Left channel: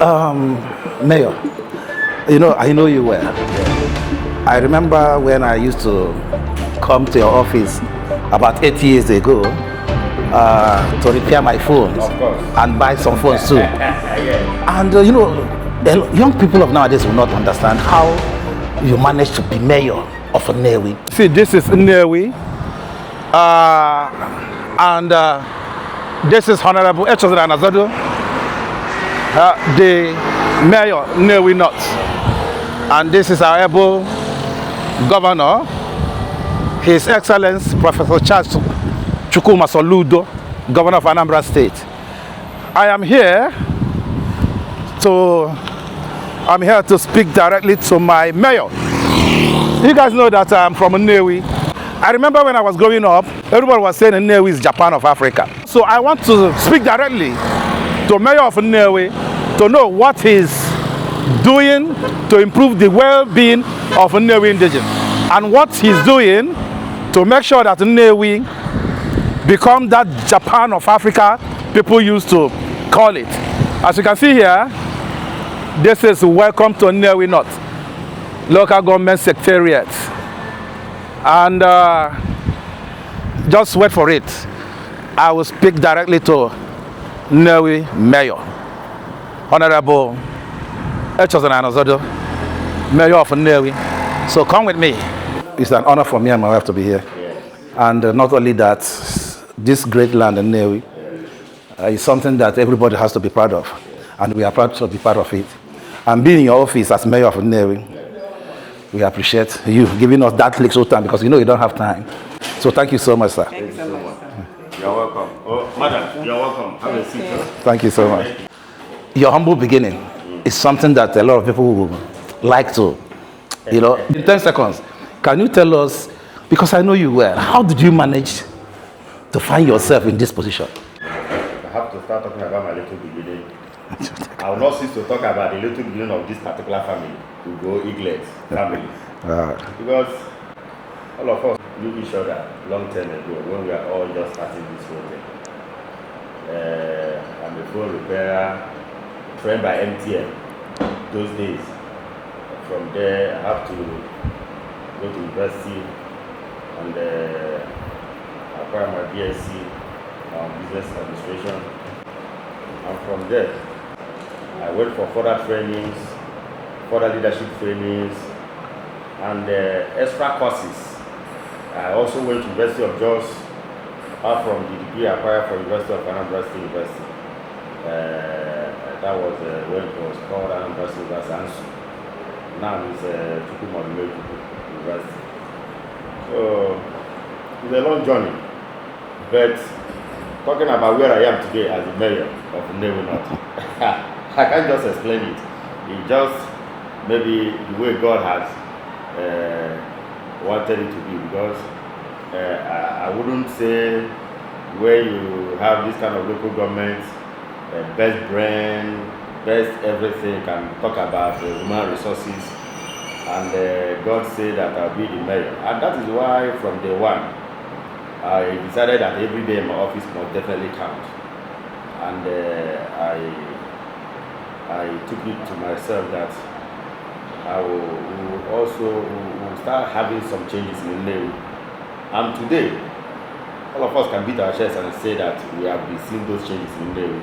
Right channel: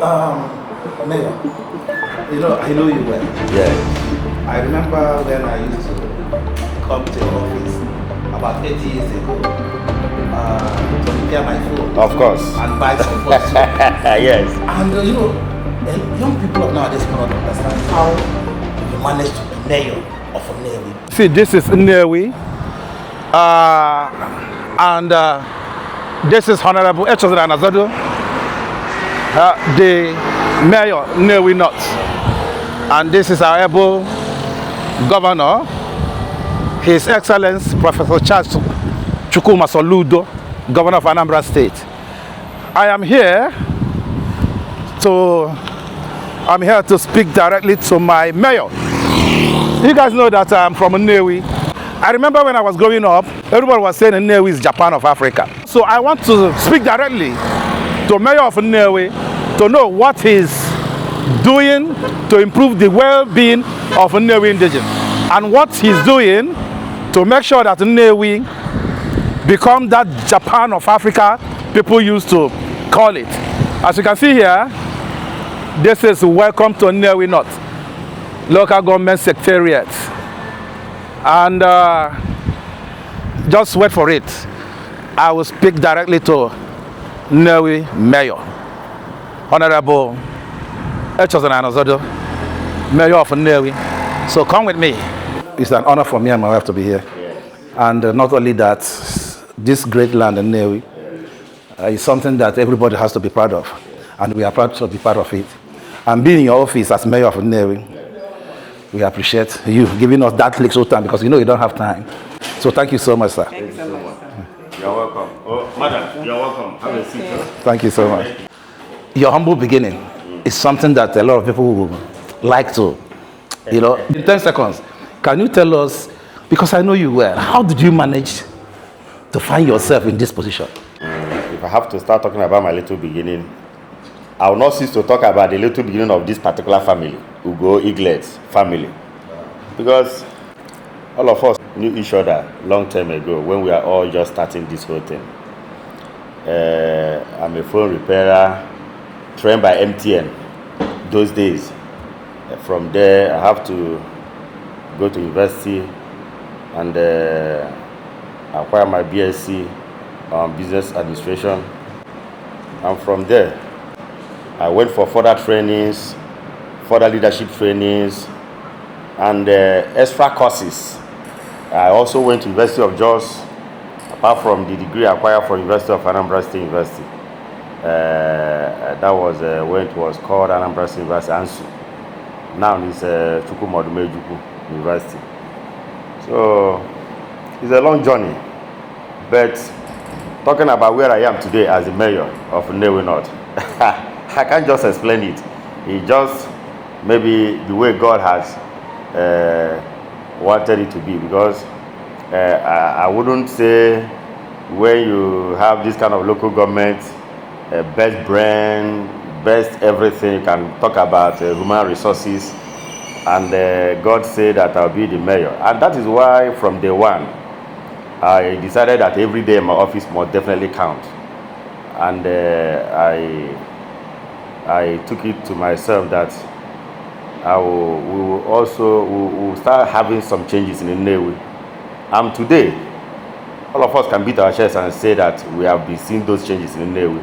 Mayor, I know you well. Yeah. I remember when I used to come to your office about 8 years ago to repair my phone. Of course. And buy some phones too. Yes. And young people of nowadays will not understand how you managed to be mayor of Nnewi. See, this is Nnewi. And this is Honorable Richest the Mayor of Nnewi North. And this is our able governor, His Excellency Professor Charles Chukwuma Soludo, Governor of Anambra State. I am here to speak directly to my mayor. You guys know that I'm from Nnewi. I remember when I was growing up, everybody was saying Nnewi is Japan of Africa. So I want to speak directly to Mayor of Nnewi to know what he's doing to improve the well-being of Nnewi indigenous and what he's doing to make sure that Nnewi become that Japan of Africa people used to call it. As you can see here, this is Welcome to Nnewi North, local government secretariat. And just wait for it. I will speak directly to Nnewi Mayor, Honorable Richest, Mayor of Nnewi. So come with me. It's an honor for me and my wife to be here. And not only that, this great land in Nnewi is something that everybody has to be proud of. And we are proud to be part of it. And being in your office as Mayor of Nnewi, we appreciate you giving us that little time because you don't have time. So thank you so much, sir. Thank you so much. You're welcome. Oh, madam, you're welcome. Have a seat. Thank you so much. Your humble beginning is something that a lot of people would like to, in 10 seconds. Can you tell us, because I know you well, how did you manage to find yourself in this position? If I have to start talking about my little beginning, I will not cease to talk about the little beginning of this particular family, Ugo Eaglet's family. Because all of us knew each other long time ago when we are all just starting this whole thing. I'm a phone repairer, trained by MTN those days. From there, I have to go to university and acquire my BSc on business administration. And from there, I went for further trainings, further leadership trainings, and extra courses. I also went to University of Jos, apart from the degree I acquired from University of Anambra State University. That was when it was called Anambra State University, ANSU. Now it's Chukwuma University. So it's a long journey, but talking about where I am today as the mayor of Nnewi North, I can't just explain it. It's just maybe the way God has wanted it to be, because I wouldn't say when you have this kind of local government, best brand, best everything, you can talk about human resources, and God said that I'll be the mayor. And that is why from day one, I decided that every day in my office must definitely count. And I took it to myself that we will start having some changes in Nnewi. And today, all of us can beat our chests and say that we have been seeing those changes in Nnewi.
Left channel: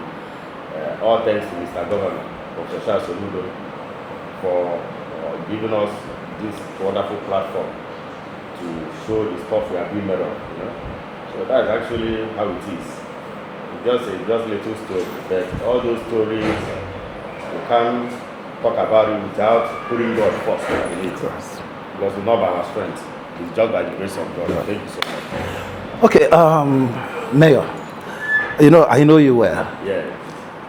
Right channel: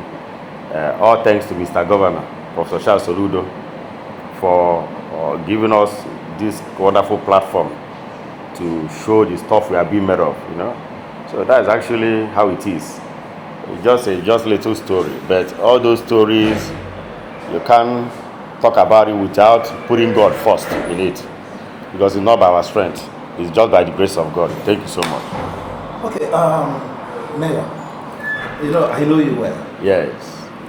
All thanks to Mr. Governor, Professor Charles Soludo, for giving us this wonderful platform to show the stuff we are being made of, So that's actually how it is. It's just a little story, but all those stories, you can't talk about it without putting God first in it, because it's not by our strength, it's just by the grace of God. Thank you so much. Okay, Mayor, I know you well. Yes.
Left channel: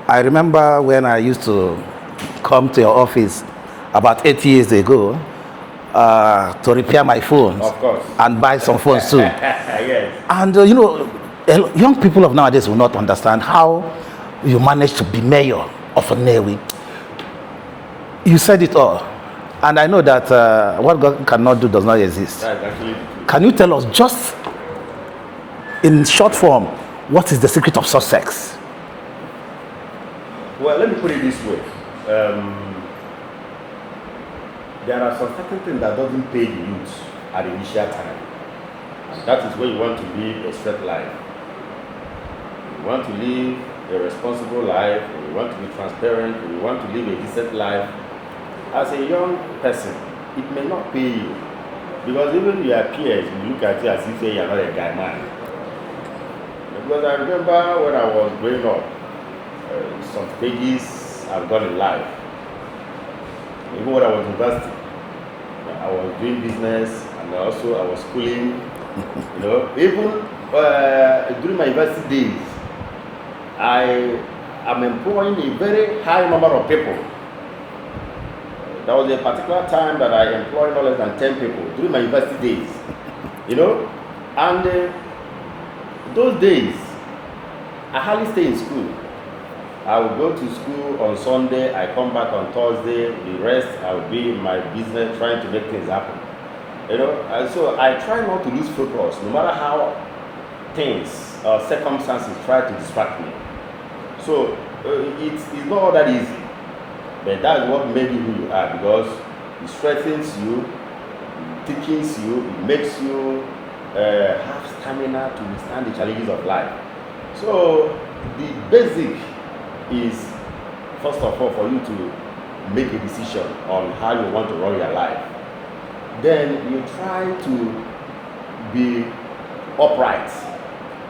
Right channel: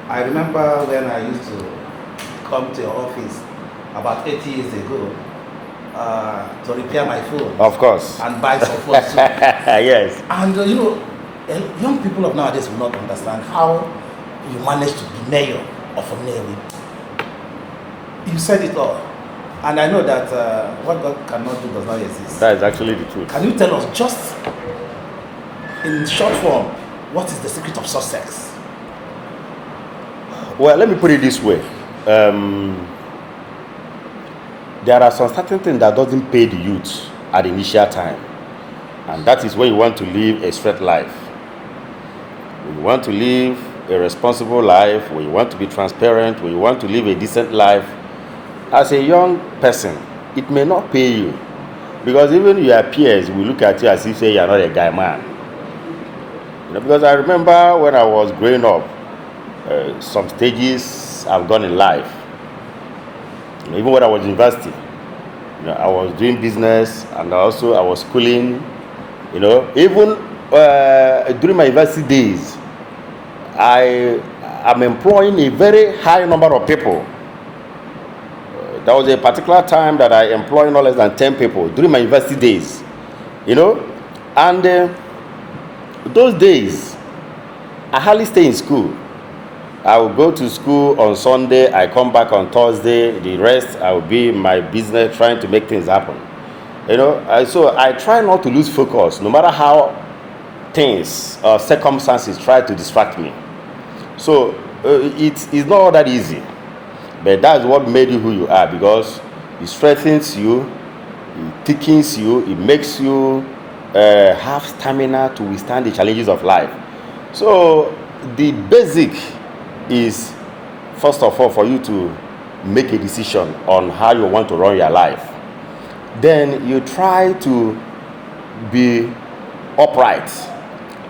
I remember when I used to come to your office about 8 years ago to repair my phone. Of course. And buy some phones too. Yes. And young people of nowadays will not understand how you managed to be mayor of Nnewi. You said it all. And I know that what God cannot do does not exist. That is actually the truth. Can you tell us, just in short form, what is the secret of success? Well, let me put it this way. there are some certain things that doesn't pay the youth at the initial time. And that is when you want to live a straight life. When you want to live a responsible life, when you want to be transparent, when you want to live a decent life, as a young person, it may not pay you. Because even your peers will look at you as if say you're not a guy man. Because I remember when I was growing up, some stages I've gone in life. Even when I was in university, I was doing business and also I was schooling. Even during my university days, I am employing a very high number of people. There was a particular time that I employed no less than 10 people during my university days. And those days, I hardly stay in school. I will go to school on Sunday, I come back on Thursday, the rest I will be in my business trying to make things happen. So I try not to lose focus, no matter how things or circumstances try to distract me. So it's not all that easy, but that's what made you who you are, because it strengthens you, it thickens you, it makes you have stamina to withstand the challenges of life. So the basic is, first of all, for you to make a decision on how you want to run your life. Then you try to be upright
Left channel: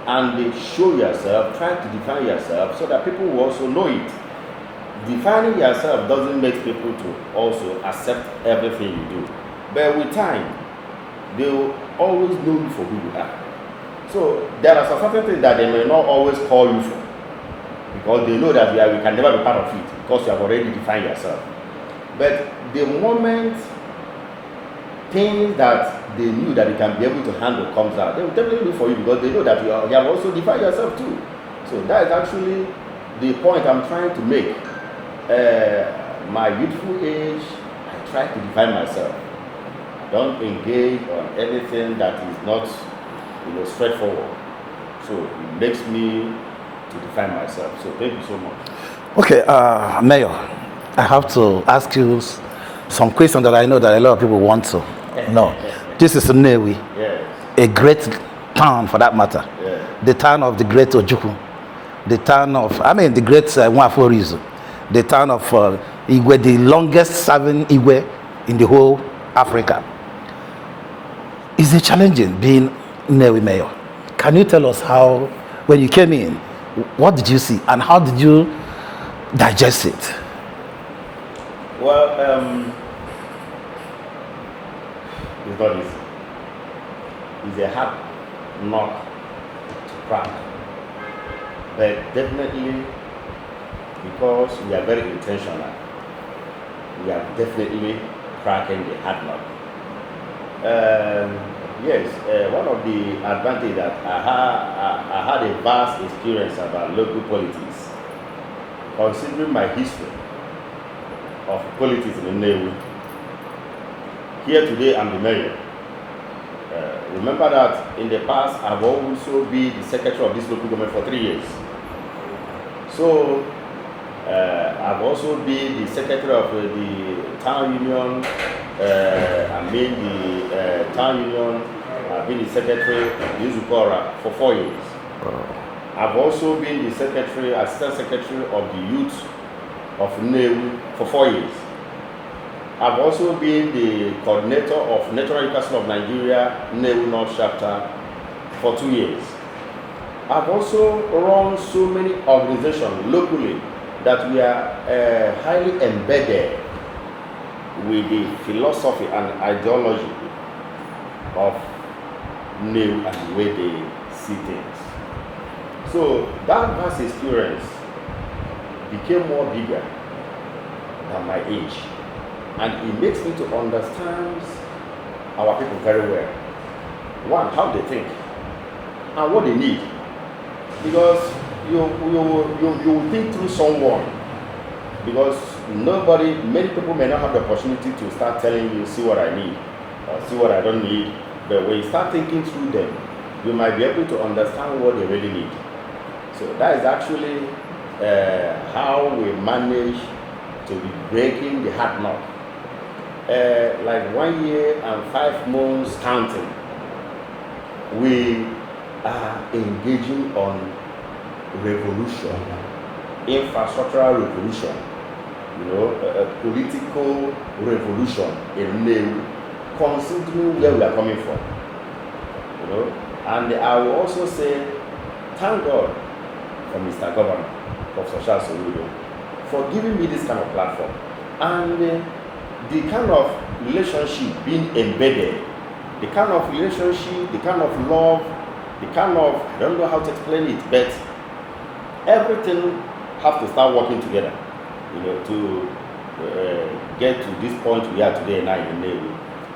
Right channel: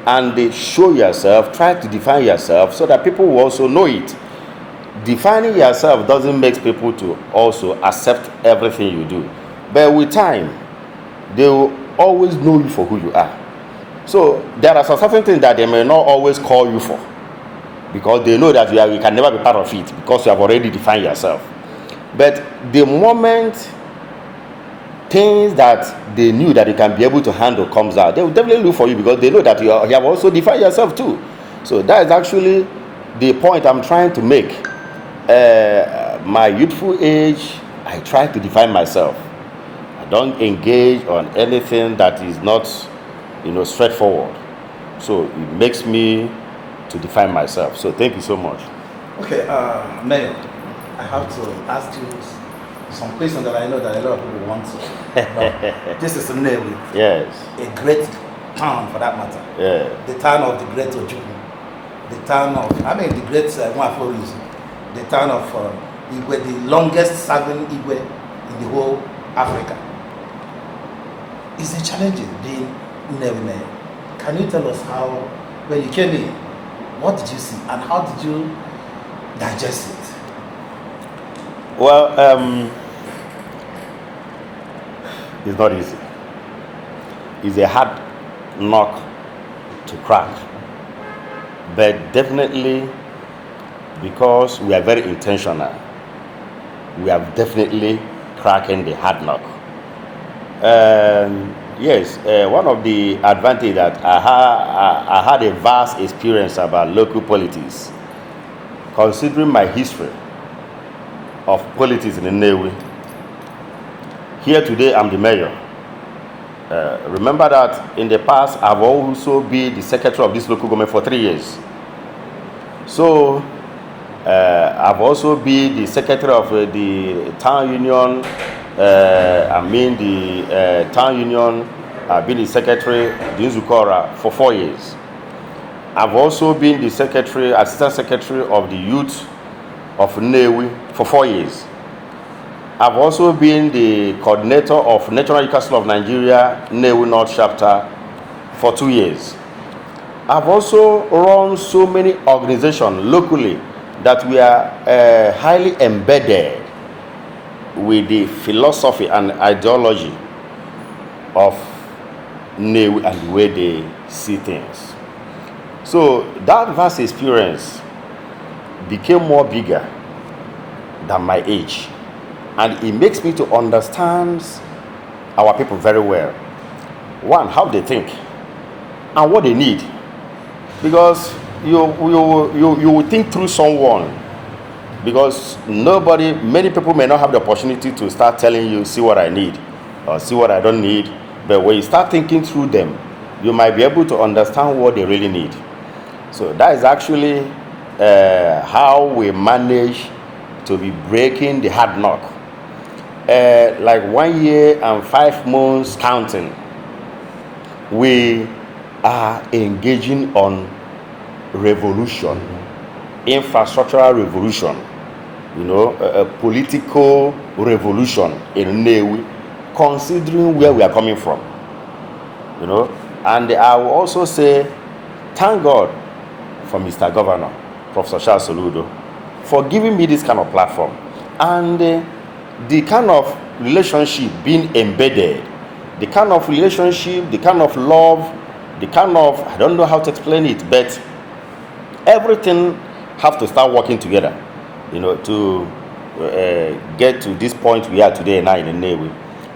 and show yourself, try to define yourself so that people will also know it. Defining yourself doesn't make people to also accept everything you do. But with time, they will always know you for who you are. So there are some certain things that they may not always call you for, because they know that you can never be part of it, because you have already defined yourself. But the moment things that they knew that they can be able to handle comes out, they will definitely look for you, because they know that you have also defined yourself too. So that is actually the point I'm trying to make. My youthful age, I try to define myself. I don't engage on anything that is not, straightforward. So it makes me to define myself. So thank you so much. Okay, Mayor, I have to ask you some questions that I know that a lot of people want to know. This is Nnewi. Yes. A great town, for that matter. Yeah. The town of the great Ojukwu. The town of, the great Nwaforizu. The town of Igwe, the longest serving Igwe in the whole Africa. Is it challenging being Nnewi Mayor? Can you tell us how, when you came in, what did you see and how did you digest it? Well, it's not easy. It's a hard nut to crack. But definitely, because we are very intentional, we are definitely cracking the hard nut. Yes, one of the advantages that I had a vast experience about local politics, considering my history of politics in Nnewi. Here today, I'm the mayor. Remember that in the past, I've also been the secretary of this local government for 3 years. So, I've also been the secretary of the town union. The town union. I've been the secretary of Nzukora for 4 years. I've also been the assistant secretary of the youth of Nnewi for 4 years. I've also been the coordinator of National Council of Nigeria, Nnewi North chapter for 2 years. I've also run so many organizations locally that we are highly embedded with the philosophy and ideology of Nnewi and the way they see things. So that vast experience became more bigger than my age. And it makes me to understand our people very well. One, how they think and what they need. Because you will think through someone. Because many people may not have the opportunity to start telling you, see what I need or see what I don't need. But when you start thinking through them, you might be able to understand what they really need. So that is actually how we manage to be breaking the hard knock. Like 1 year and 5 months counting, we are engaging on revolution, infrastructural revolution, a political revolution in Nnewi, considering where we are coming from, And I will also say, thank God for Mr. Governor, Professor Charles Soludo, for giving me this kind of platform. And the kind of relationship being embedded, the kind of relationship, the kind of love, the kind of, I don't know how to explain it, but everything have to start working together, to get to this point we are today now in Nnewi.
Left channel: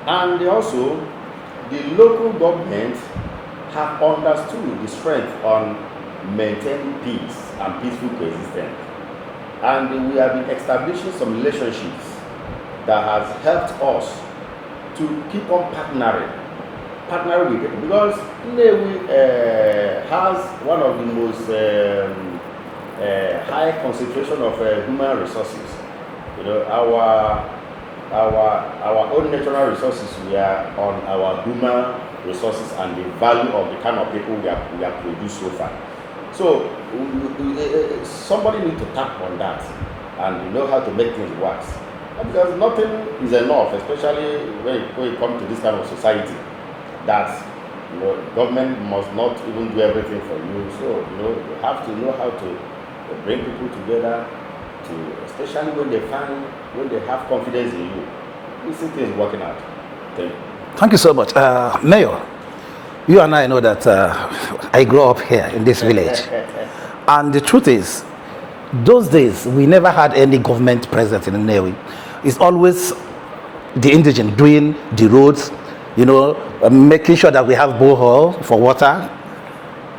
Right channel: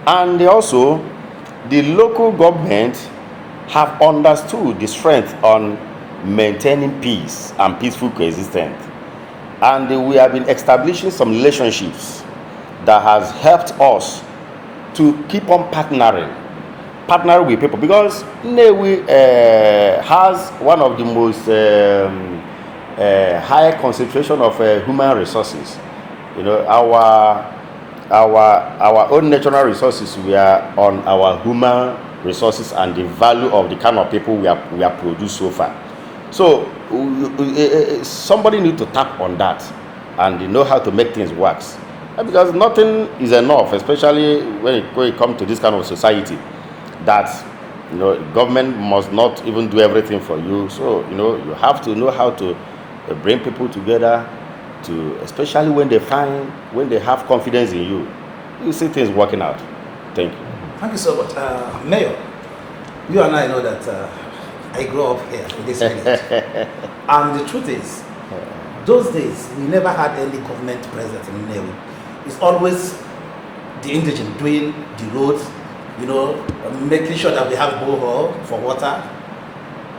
And also, the local government have understood the strength on maintaining peace and peaceful coexistence. And we have been establishing some relationships that has helped us to keep on partnering with people, because Nnewi has one of the most high concentration of human resources. Our own natural resources, we are on our human resources and the value of the kind of people we have produced so far. So somebody need to tap on that and know how to make things work. Because nothing is enough, especially when it comes to this kind of society, that government must not even do everything for you. So you have to know how to bring people together, to especially when they have confidence in you, you see things working out. Thank you. Thank you so much, Mayor. You and I know that I grew up here in this village, and the truth is, those days we never had any government presence in Nnewi. It's always the indigent doing the roads, making sure that we have borehole for water.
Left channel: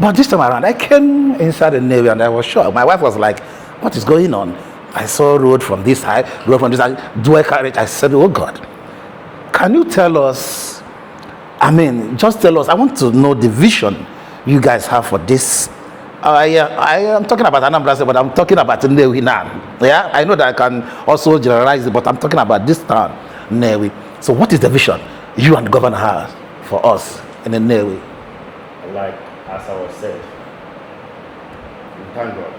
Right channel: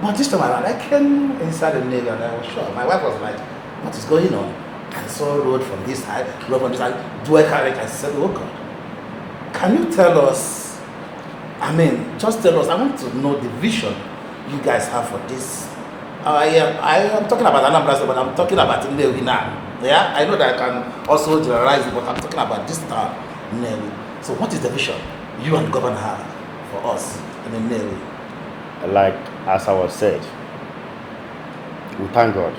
But this time around, I came inside Nnewi and I was shocked. My wife was like, "What is going on?" I saw road from this side, road from this side, dual carriage. I said, "Oh God, can you tell us? Just tell us. I want to know the vision you guys have for this." I am talking about Anambra State, but I'm talking about Nnewi now. Yeah, I know that I can also generalize it, but I'm talking about this town, Nnewi. So, what is the vision you and the governor have for us in Nnewi? Like as I was said, we thank God.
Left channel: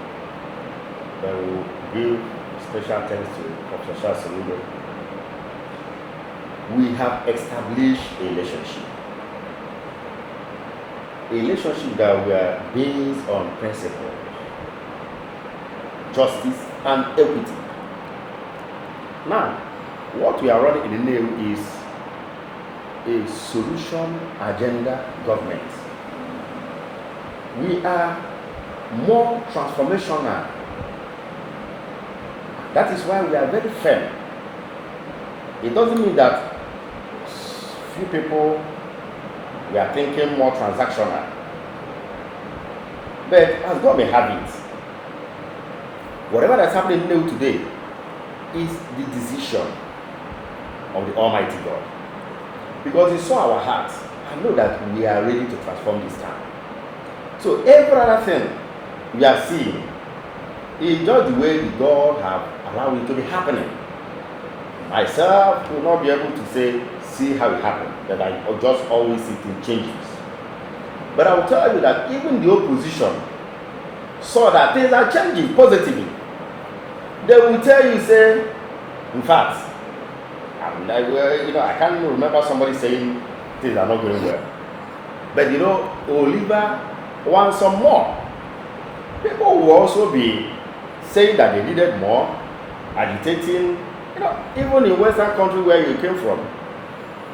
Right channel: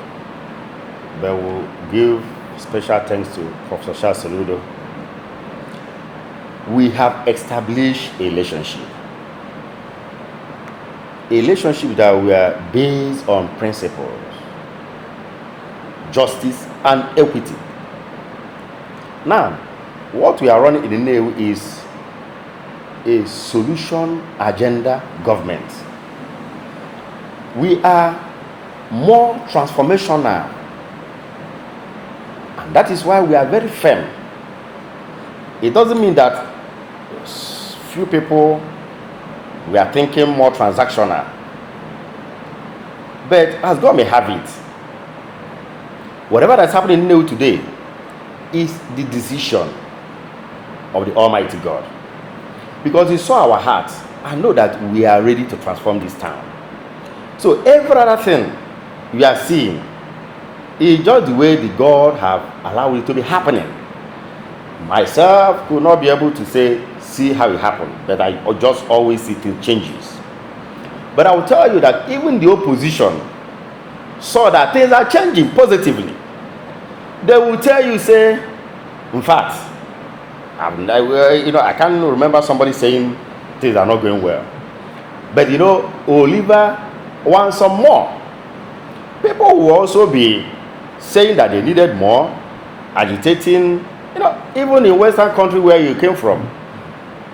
That will give special thanks to Professor Charles Soludo. We have established a relationship that we are based on principles, justice and equity. Now, what we are running in Nnewi is a solution agenda government. We are more transformational, and that is why we are very firm. It doesn't mean that few people, we are thinking more transactional, but as God may have it, whatever that's happening in Nnewi today is the decision of the Almighty God, because He saw our hearts and know that we are ready to transform this town. So every other thing we are seeing is just the way the God have allowed it to be happening. Myself could not be able to see how it happened, but I just always see things changes. But I will tell you that even the opposition saw that things are changing positively. They will tell you, in fact, I can't remember somebody saying things are not going well. But Oliver wants some more. People will also be saying that they needed more, agitating. Even in Western country where you came from,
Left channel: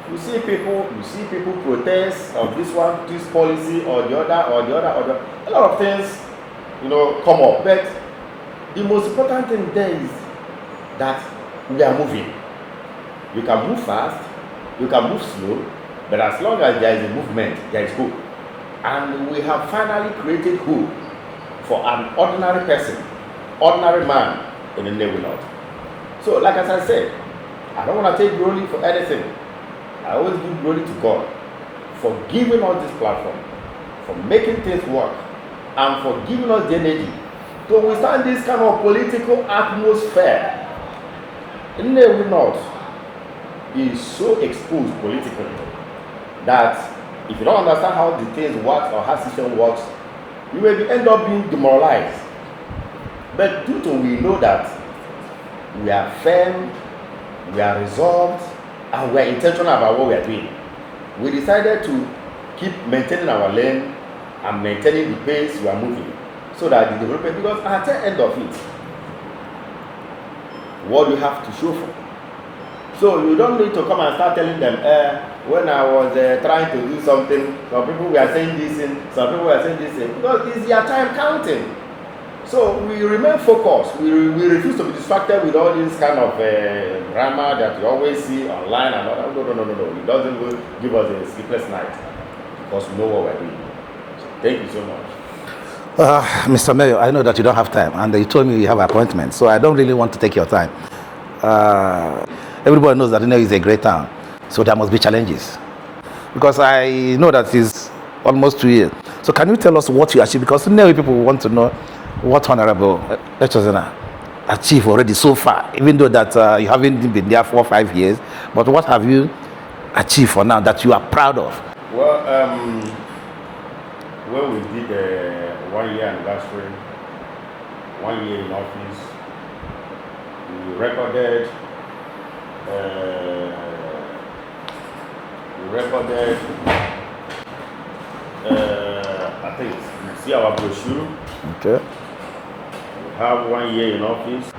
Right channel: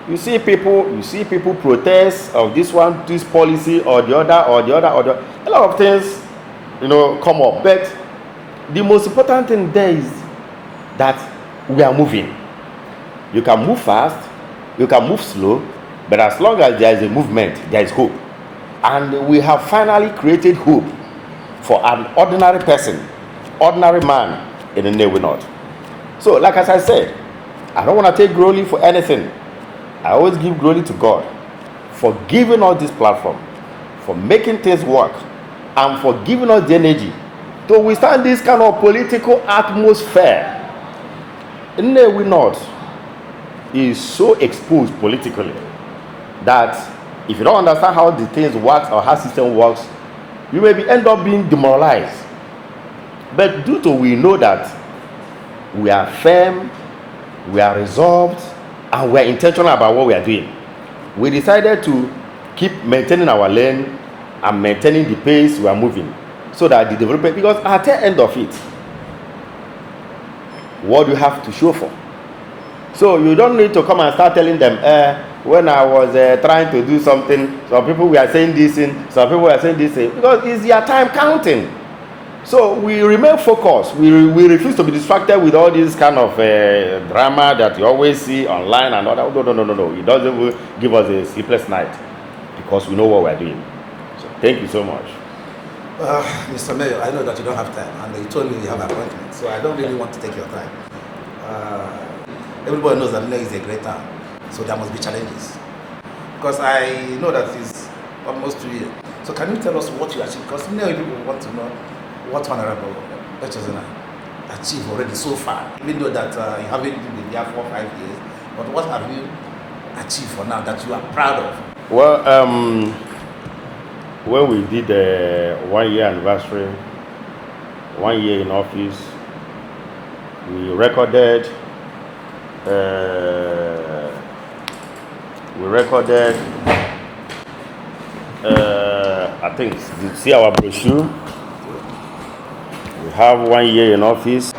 you see people protest of this policy or the other. A lot of things, come up. But the most important thing there is that we are moving. You can move fast, you can move slow, but as long as there is a movement, there is hope. And we have finally created hope for an ordinary person, ordinary man in Nnewi North. So, like as I said, I don't want to take glory for anything. I always give glory to God for giving us this platform, for making things work, and for giving us the energy to withstand this kind of political atmosphere Nnewi North is so exposed politically that if you don't understand how the things work or how system works, you may end up being demoralized. But due to we know that we are firm, we are resolved, and we are intentional about what we are doing, we decided to keep maintaining our lane and maintaining the pace we are moving, so that the development, because at the end of it, what do you have to show for? So you don't need to come and start telling them, when I was trying to do something, some people were saying this thing, some people were saying this thing, because it's your time counting. So we remain focused. We refuse to be distracted with all this kind of drama that you always see online and all that. No. It doesn't give us a sleepless night, because we know what we're doing. So thank you so much. Mr. Mayor, I know that you don't have time, and you told me you have appointments, so I don't really want to take your time. Everybody knows that Nnewi is a great town, so there must be challenges. Because I know that it's almost 2 years. So can you tell us what you achieved? Because Nnewi people want to know what Honorable Richest achieved already so far, even though that you haven't been there 4 or 5 years. But what have you achieved for now that you are proud of? Well, when we did the 1 year anniversary, 1 year in office, we recorded I think you see our brochure. Okay. We have 1 year in office.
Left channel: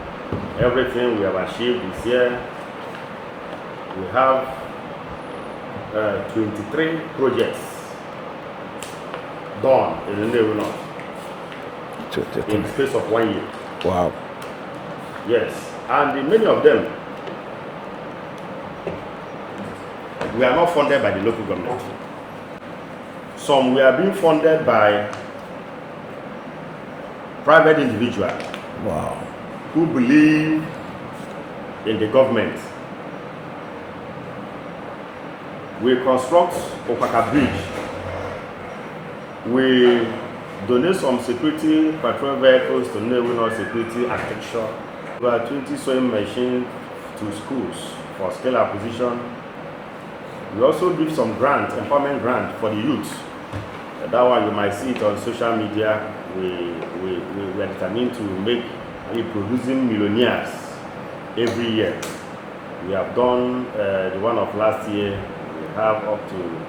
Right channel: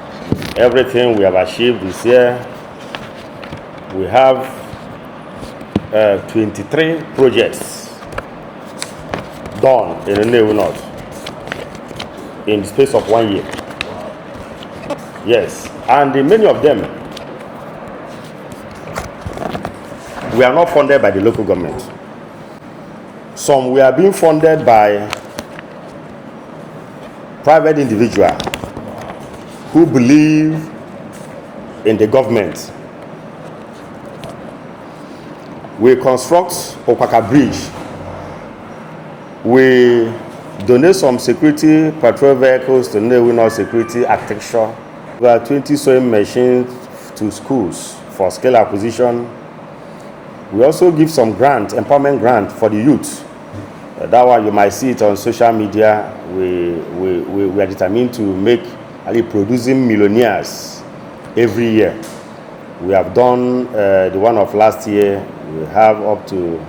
Everything we have achieved this year. We have 23 projects done in Nnewi North in the space of 1 year. Wow. Yes, and many of them we are not funded by the local government. Some we are being funded by private individuals who believe in the government. We construct Opaka Bridge. We donate some security patrol vehicles to Nnewi North Security Architecture. We have 20 sewing machines to schools for skill acquisition. We also give some grant, empowerment grant for the youth. That one you might see it on social media. We are determined to make producing millionaires every year. We have done the one of last year. We have up to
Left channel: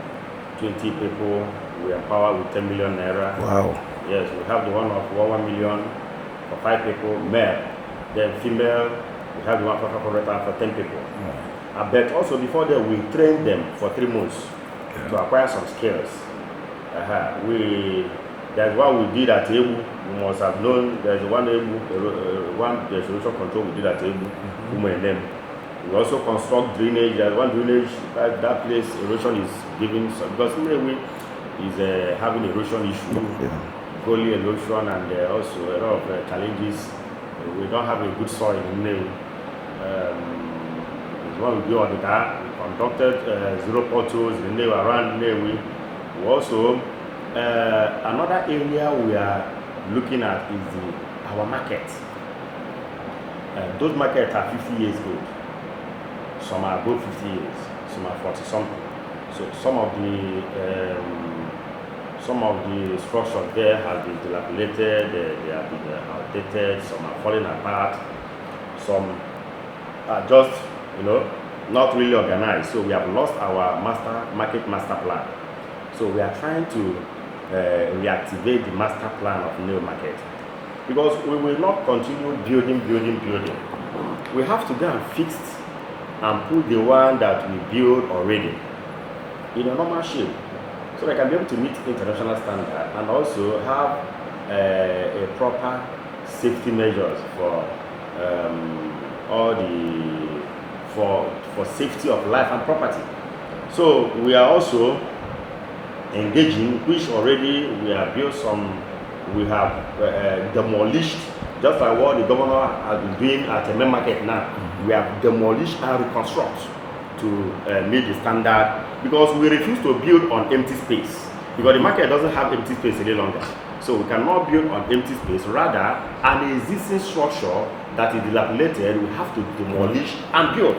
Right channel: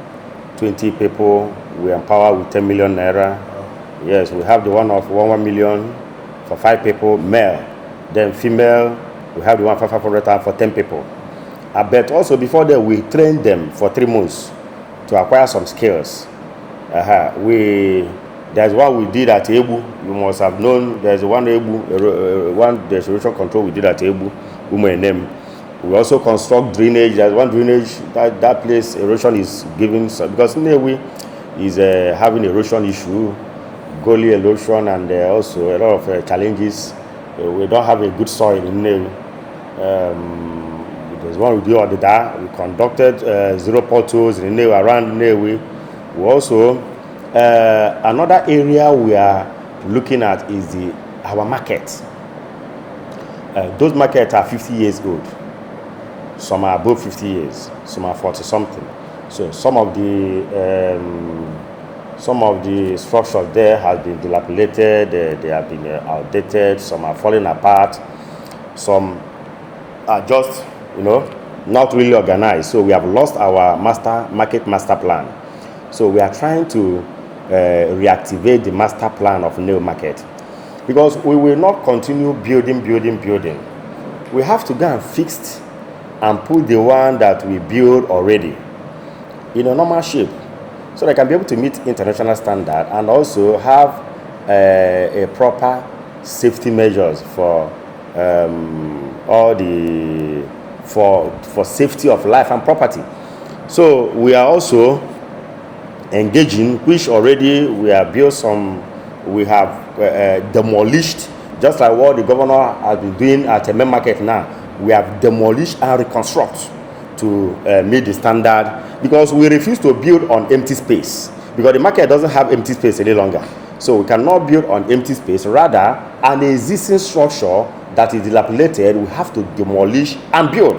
20 people. We empower with 10 million naira. Wow. Yes, we have the one of 1 million for 5 people, male. Then female, we have the one for 500 for 10 people. But also before that, we trained them for 3 months to acquire some skills. There's one we did at Ebu. You must have known. There's one Ebu, there's erosion control we did at Ebu, name. We also construct drainage. There's one drainage that place erosion is giving because Nnewi is having erosion issue, gully erosion, and also a lot of challenges. We don't have a good soil in Nnewi. There's one we do on the Dar. We conducted 0 potholes in Nnewi, around Nnewi. We also another area we are looking at is our market. Those markets are 50 years old. Some are above 50 years. Some are 40 something. So some of the structures there have been dilapidated. They have been outdated. Some are falling apart. Some are just, not really organized. So we have lost our market master plan. So we are trying to reactivate the master plan of Nnewi market, because we will not continue building. We have to go and fix and put the one that we build already in a normal shape, so they can be able to meet international standard and also have a proper safety measures for for safety of life and property. So we are also engaging, which already we have built some, we have demolished, just like what the governor has been doing at the main market now. We have demolished and reconstruct to meet the standard, because we refuse to build on empty space, because the market doesn't have empty space any longer. So we cannot build on empty space. Rather, an existing structure that is dilapidated, we have to demolish and build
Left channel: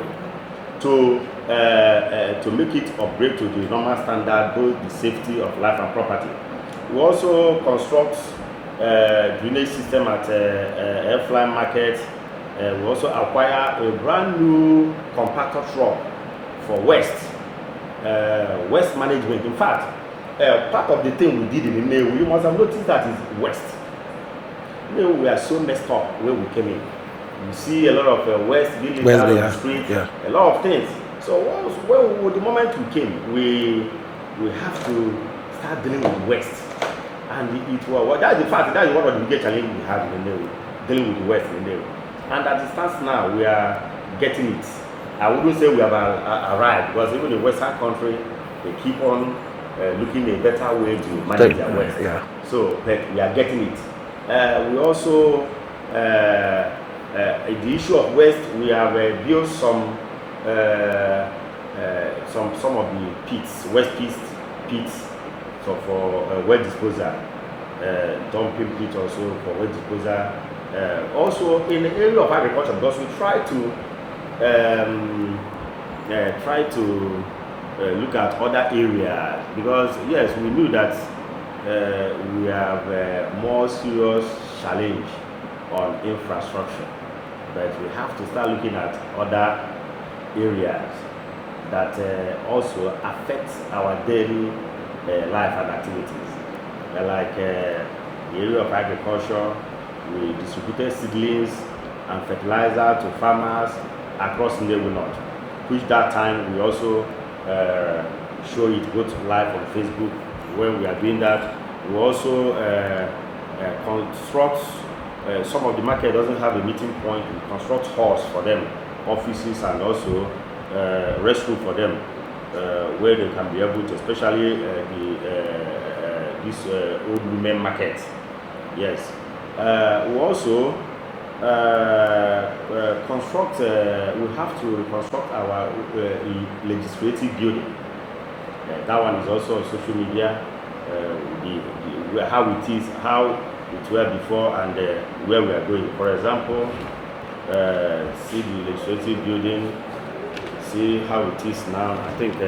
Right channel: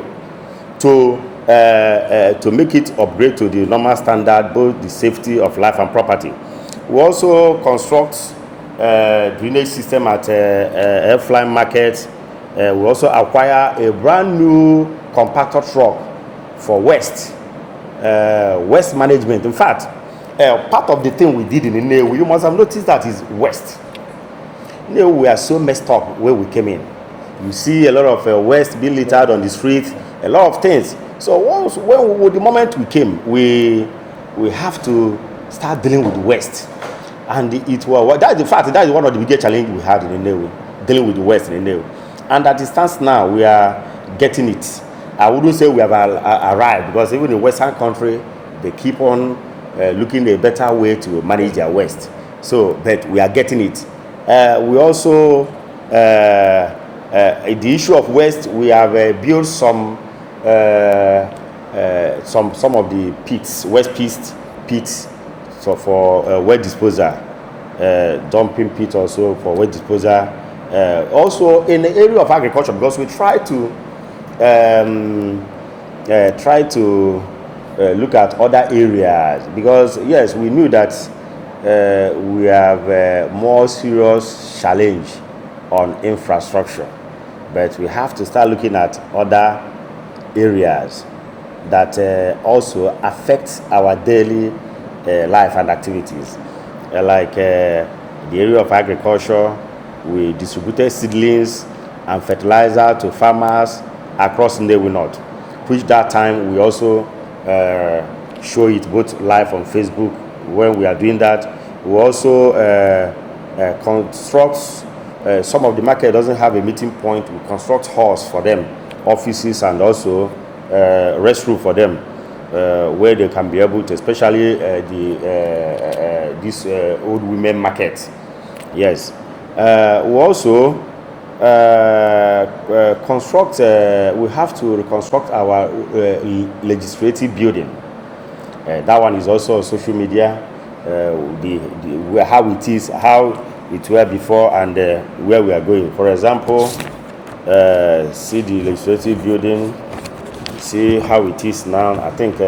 to make it upgrade to the normal standard, both the safety of life and property. We also construct drainage system at Airfly Market. We also acquire a brand new compactor truck for waste management. In fact, part of the thing we did in Nnewi, you must have noticed that is waste. Nnewi, we are so messed up where we came in. You see a lot of waste being littered on the street, a lot of things. So the moment we came, we have to start dealing with waste. And that's one of the biggest challenges we had in Nnewi, dealing with the waste in Nnewi. And at the stance now, we are getting it. I wouldn't say we have arrived, because even in Western country, they keep on looking a better way to manage their waste. Yeah. So, but we are getting it. We also, the issue of waste, we have built some of the pits, waste pits, so for waste disposal, dumping pit also for waste disposal. Also in the area of agriculture, because we try to look at other areas, because yes, we knew that we have a more serious challenge on infrastructure, but we have to start looking at other areas that also affect our daily life and activities, like the area of agriculture. We distributed seedlings and fertilizer to farmers across Nnewi North, which that time we also show it both live on Facebook when we are doing that. We also construct, some of the market doesn't have a meeting point, we construct halls for them, offices, and also restroom for them, where they can be able to, especially this old women market. Yes. We also construct, we have to reconstruct our legislative building. That one is also on social media, how it were before and where we are going. For example, see the legislative building, see how it is now. I think,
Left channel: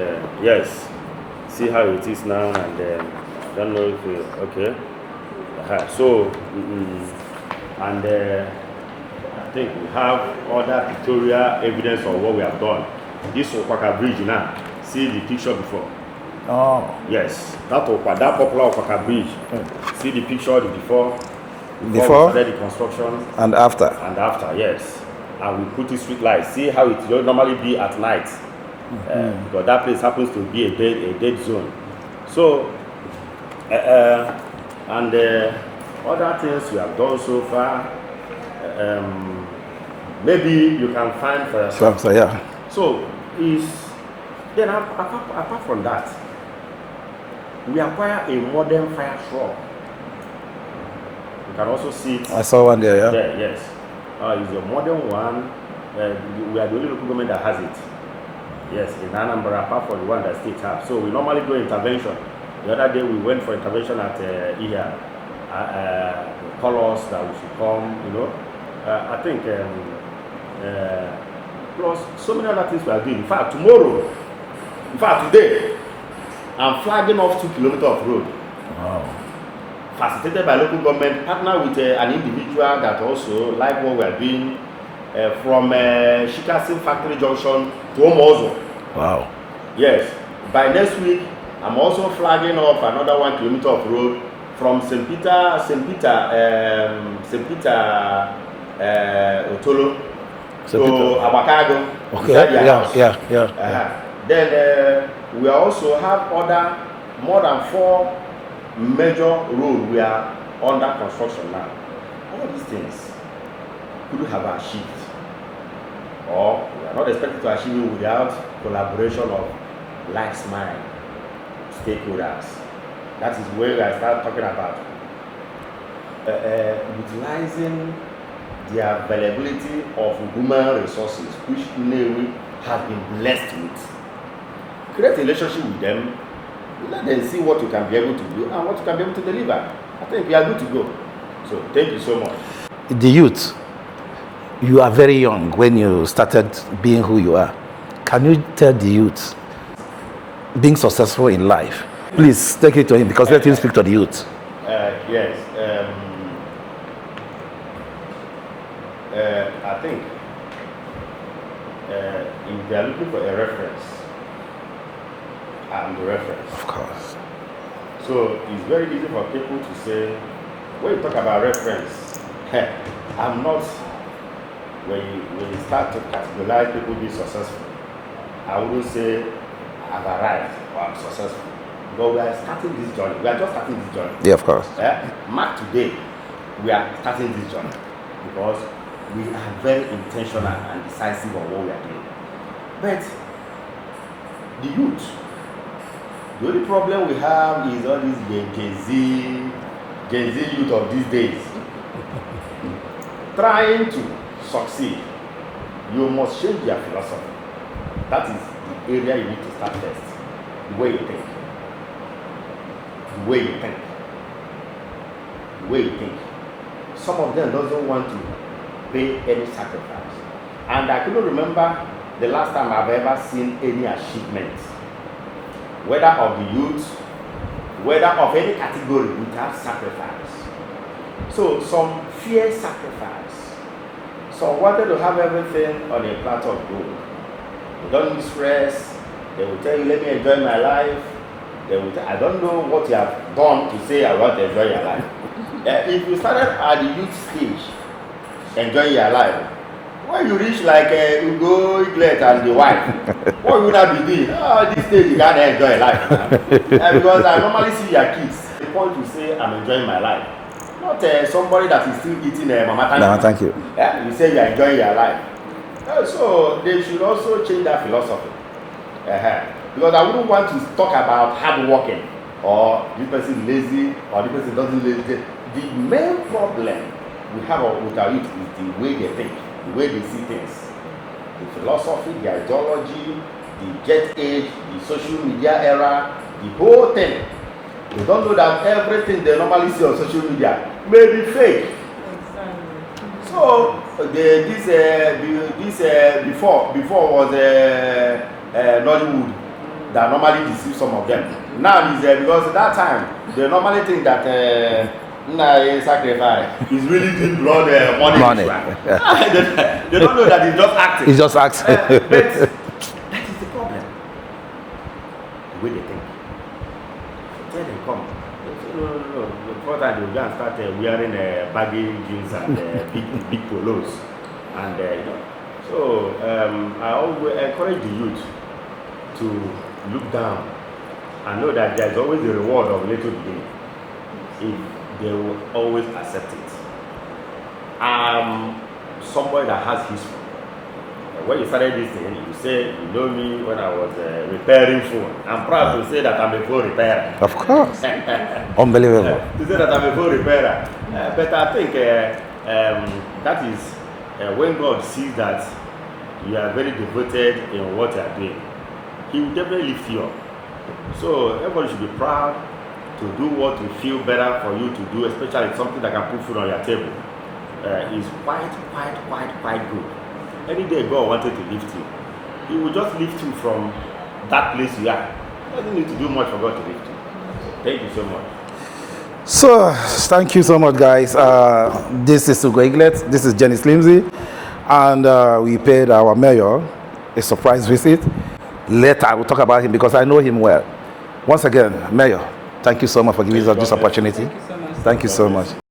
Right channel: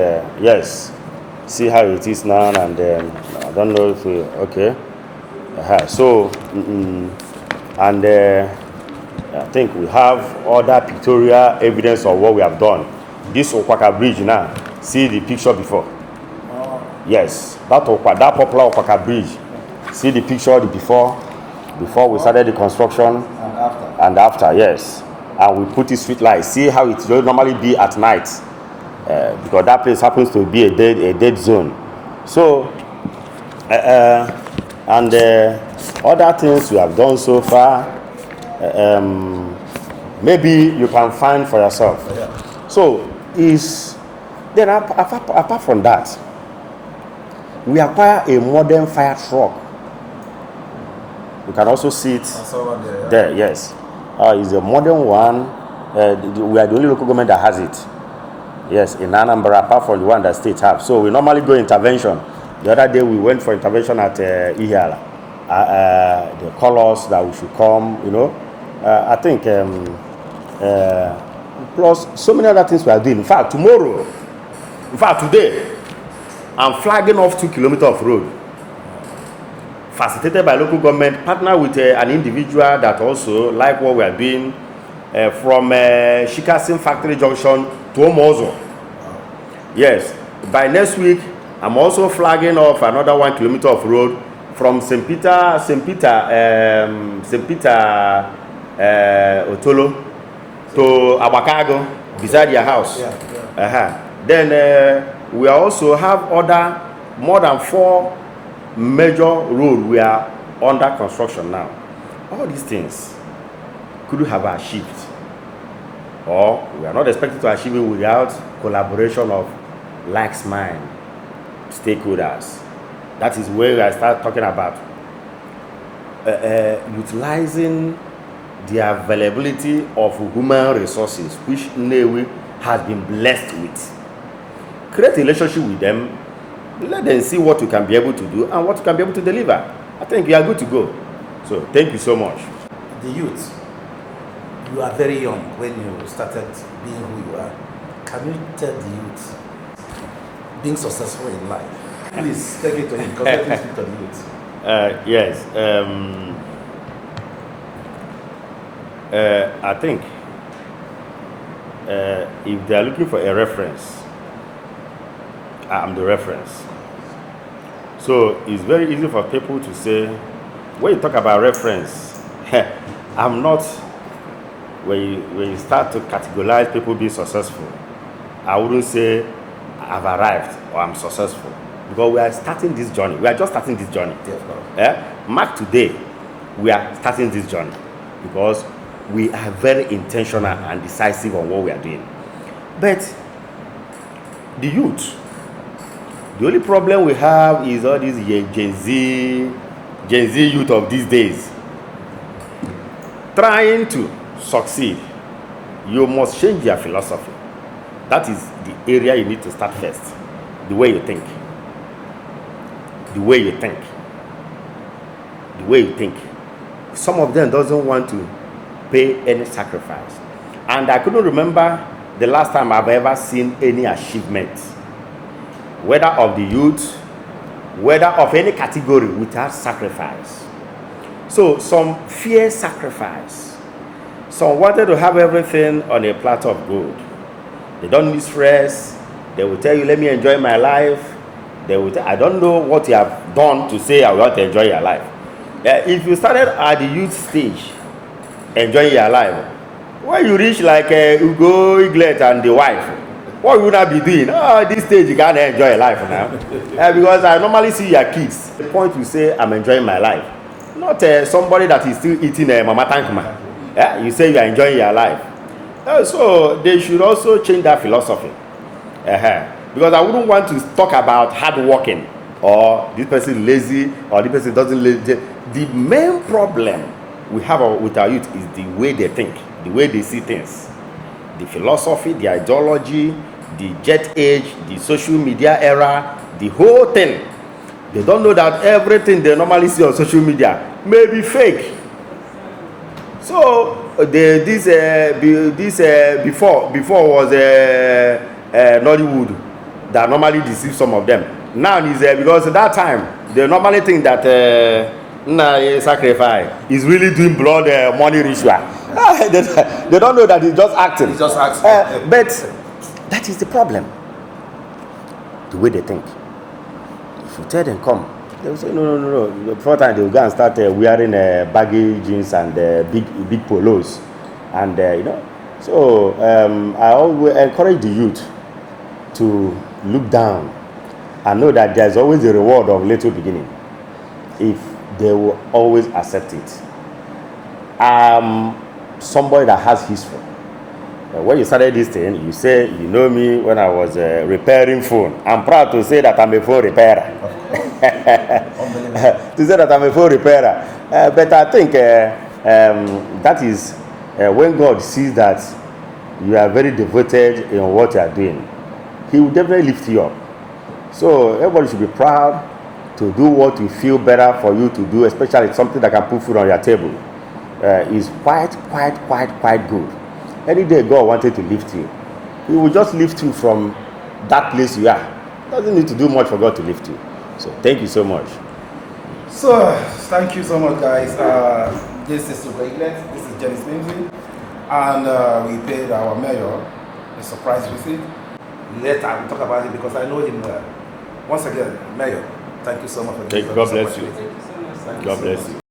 yes, see how it is now, and I don't know if okay. So, and I think we have other pictorial evidence of what we have done. This Okwaka Bridge now, see the picture before. Oh. Yes, that popular Okwaka Bridge. See the picture before we started the construction. And after. And after, yes. And we put the street lights. See how it will normally be at night. Because that place happens to be a dead zone. So, and other things we have done so far, maybe you can find for yourself. So, then apart from that, we acquire a modern fire truck. You can also see it. I saw one there, yeah. There, yes. It's a modern one. We are the only local government that has it. Yes, in Anambra, apart from the one that states have. So we normally go intervention. The other day we went for intervention at Ihiala. They call us that we should come, you know. I think, plus so many other things we are doing. In fact, today, I'm flagging off 2 kilometers of road. Wow. Facilitated by local government, partner with an individual that also like what we are doing from Shikasim Factory Junction to Omozo. Wow. Yes. By next week, I'm also flagging off another 1 kilometer of road from St. Peter, Otolo to Abakago, beside your house. Yeah. Then we also have more than 4 major roads we are under construction now. All these things could have achieved, or we are not expected to achieve it without collaboration of like-minded stakeholders. That is where I start talking about utilizing the availability of human resources, which Nnewi has been blessed with. Create a relationship with them, let them see what you can be able to do and what you can be able to deliver. I think we are good to go. So thank you so much. The youth, you are very young when you started being who you are. Can you tell the youth being successful in life? Please take it to him because let him speak to the youth. Yes. I think if they are looking for a reference, I'm the reference. Of course. So it's very easy for people to say, when you talk about reference, I'm not, when you start to categorize people being successful, I wouldn't say I've arrived or I'm successful. Because we are starting this journey. We are just starting this journey. Yeah, of course. Mark today, we are starting this journey because we are very intentional and decisive on what we are doing. But the youth, the only problem we have is all these Gen Z youth of these days. Trying to succeed, you must change your philosophy. That is the area you need to start first. The way you think. The way you think. The way you think. Some of them doesn't want to pay any sacrifice. And I couldn't remember the last time I've ever seen any achievement, whether of the youth, whether of any category, without sacrifice. So some fear sacrifice. Some wanted to have everything on a platter of gold. They don't need stress. They will tell you, let me enjoy my life. They will I don't know what you have done to say I want to enjoy your life. If you started at the youth stage, enjoying your life, when you reach like Ugo, Iglet and the wife, what would I be doing? Oh, at this stage you can't enjoy your life now. Because I normally see your kids. The point you say, I'm enjoying my life. Not somebody that is still eating mama time. No, thank you. You say you are enjoying your life. So they should also change that philosophy. Because I wouldn't want to talk about hard working or this person lazy or this person doesn't lazy. The main problem we have with our youth is the way they think, the way they see things, the philosophy, the ideology, the jet age, the social media era, the whole thing. They don't know that everything they normally see on social media may be fake. So before was Nollywood that normally deceive some of them. Now is because at that time they normally think that sacrifice is really doing blood money ritual. Yeah. They don't know that it's just acting. It's just acting. But that is the problem. The way they think. If you tell them come, they will say no. The first time they will go and start wearing baggy jeans and big polos, and So I always encourage the youth to look down and know that there's always a reward of little beginning if they will always accept it. Somebody that has history. When you started this thing, you say, you know me when I was repairing phone. I'm proud to say that I'm a phone repairer. Of course. Unbelievable. To say that I'm a phone repairer. But I think that is when God sees that you are very devoted in what you are doing, He will definitely lift you up. So everybody should be proud to do what you feel better for you to do, especially something that can put food on your table. Is quite good. Any day God wanted to lift you, He will just lift you from that place you are. He doesn't need to do much for God to lift you. So thank you so much. So thank you so much, guys. This is Ugo Iglet. This is Jenny Slimsy, and we paid our mayor a surprise visit. Later we'll talk about him because I know him well. Once again, Mayor, thank you so much for giving us this opportunity. Thank you so much.